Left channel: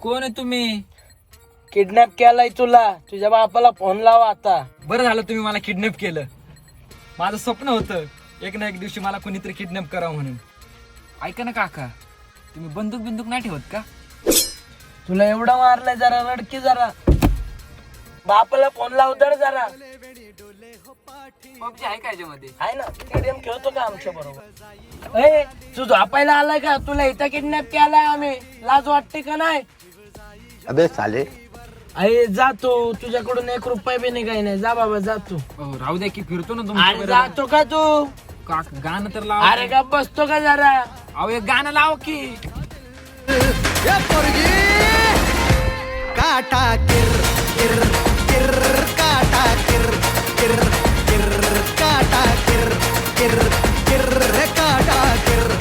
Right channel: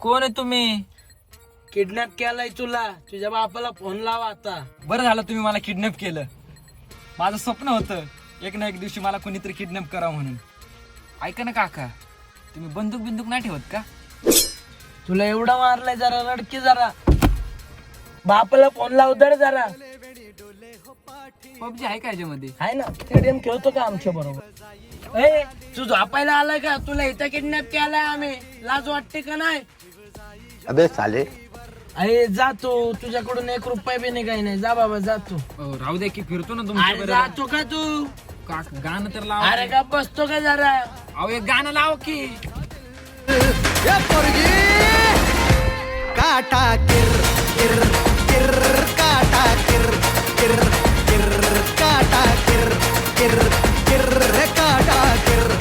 कोण आहे तुम्ही? किडनॅप केलाय तुला. तुझ्या बापाला फोन लावा आता. बरं झालं तुम्ही मला किडनॅप केलं. माझं स्वप्न होतं एक ना एक दिवशी मला कोणीतरी किडनॅप करावं म्हणून. ऐका ना काका, तुम्ही बंदूक बिंदूक नाही ठेवत का? तुला एवढा मारलाय, जरा रडकी जरा. बापाला फोन लाव दर जरा. पबजी आहे का याच्यामध्ये? आहे ना, स्टेडियम खेळतो का आमच्या बरोबर? ए, तू झोपायला आलाय का? तुला इथं किडनॅप केलाय आम्ही. लाज वाटते का नाही? अबे साले. अरे जातो, तुझ्याकडून 1 रुपया बी नाही, काही नाही. जा बाबा, जातो. राहू द्या की, फिरतो ना अरे तुमच्या जातो का तू? गाणं तर लाव. अरे का बसतो का जरा? अहो एक गाणं लाव की. काटा किर किर किर काटा किर किर किर काटा किर किर किर काटा किर